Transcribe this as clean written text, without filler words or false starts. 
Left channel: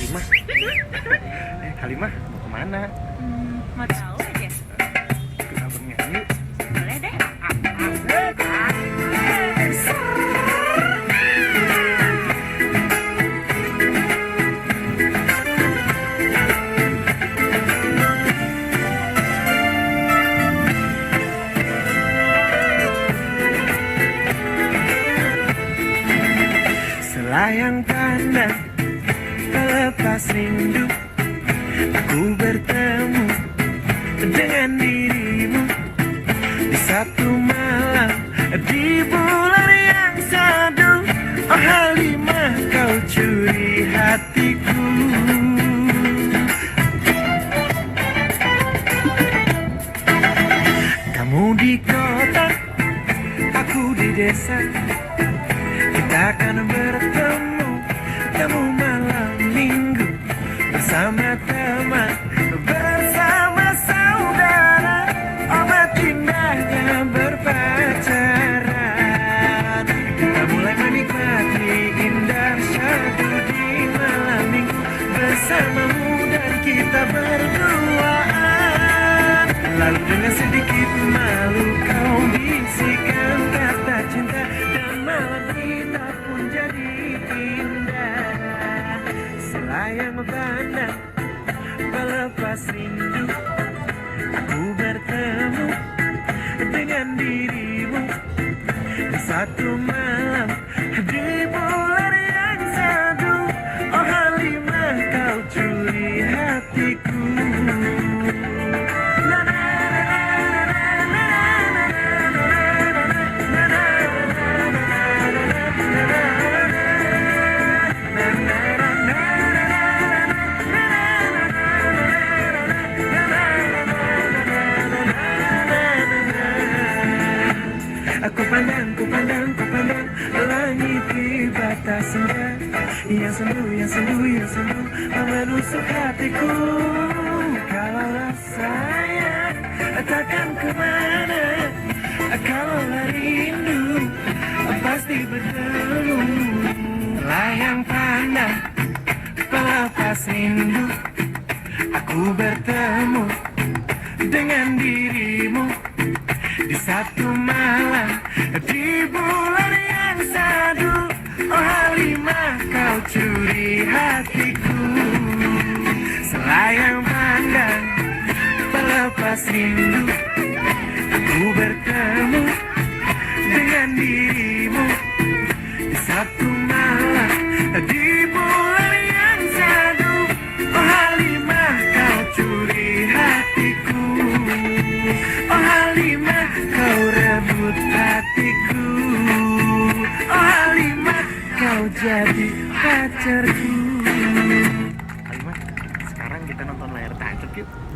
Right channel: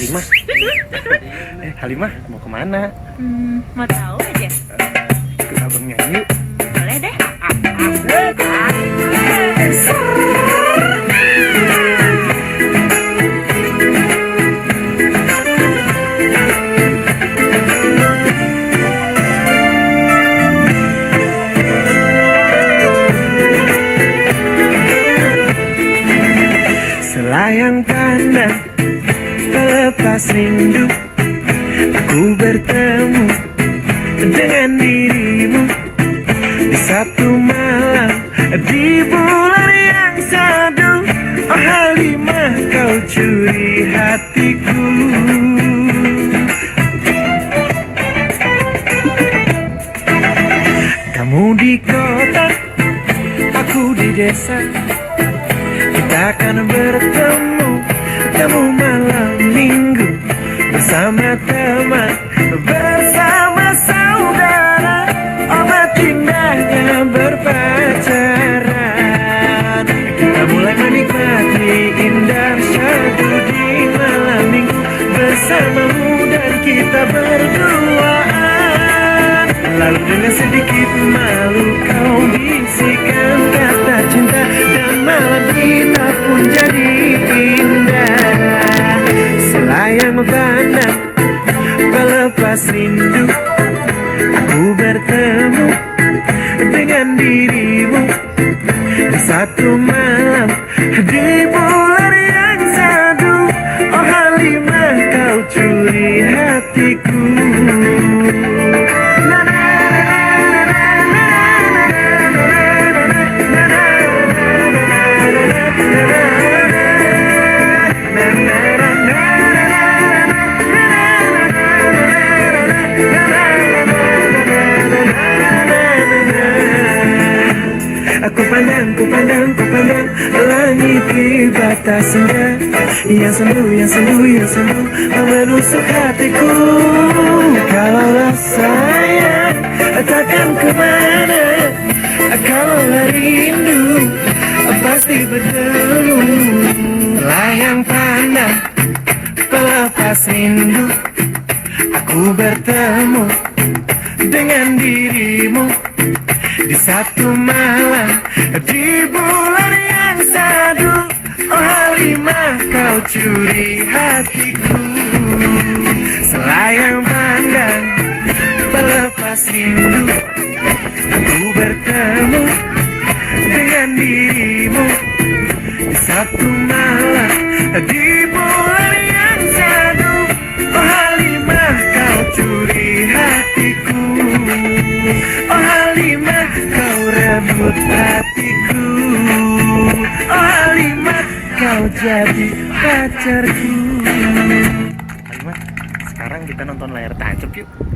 Halimah. Halimah mau kemana? Mau tahu aja? Ikut abang nyanyi yuk. Boleh deh. Selayang pandang pelepas rindu, aku bertemu dengan dirimu di satu malam di bulan yang sadu. Oh Halimah, kau curi hatiku. Kamu di kota, aku di desa. Kita akan bertemu, kamu malam minggu bersama teman, bersama saudara. Obat indahnya berpacaran. Kita mulai menikmati indah syahdu di malam minggu bersamamu dan kita berduaan. Lalu dengan sedikit malu kau bisikan kata cinta, dan malam kita pun jadi indah. Selayang pandang pelepas rindu, aku bertemu dengan dirimu di satu malam di bulan yang sadu. Oh Halimah, kau curi hatiku. Ku pandang langit di batas senja, yang sendu menusuk hatiku. Kalaulah sayang takkan kemana, kalaulah rindu pasti bertemu. Layang pandang pelepas rindu, aku bertemu dengan dirimu di satu malam di bulan yang sadu. Oh Halimah, kau curi hatiku. Selayang pandang pelepas rindu, aku bertemu dengan dirimu di satu malam di bulan yang sadu. Oh Halimah, kau curi hatiku. Oh Halimah, kau rebut hatiku. Oh Halimah, kau jadi pacarku. Halimah, sekarang kita nonton layar tancap yuk.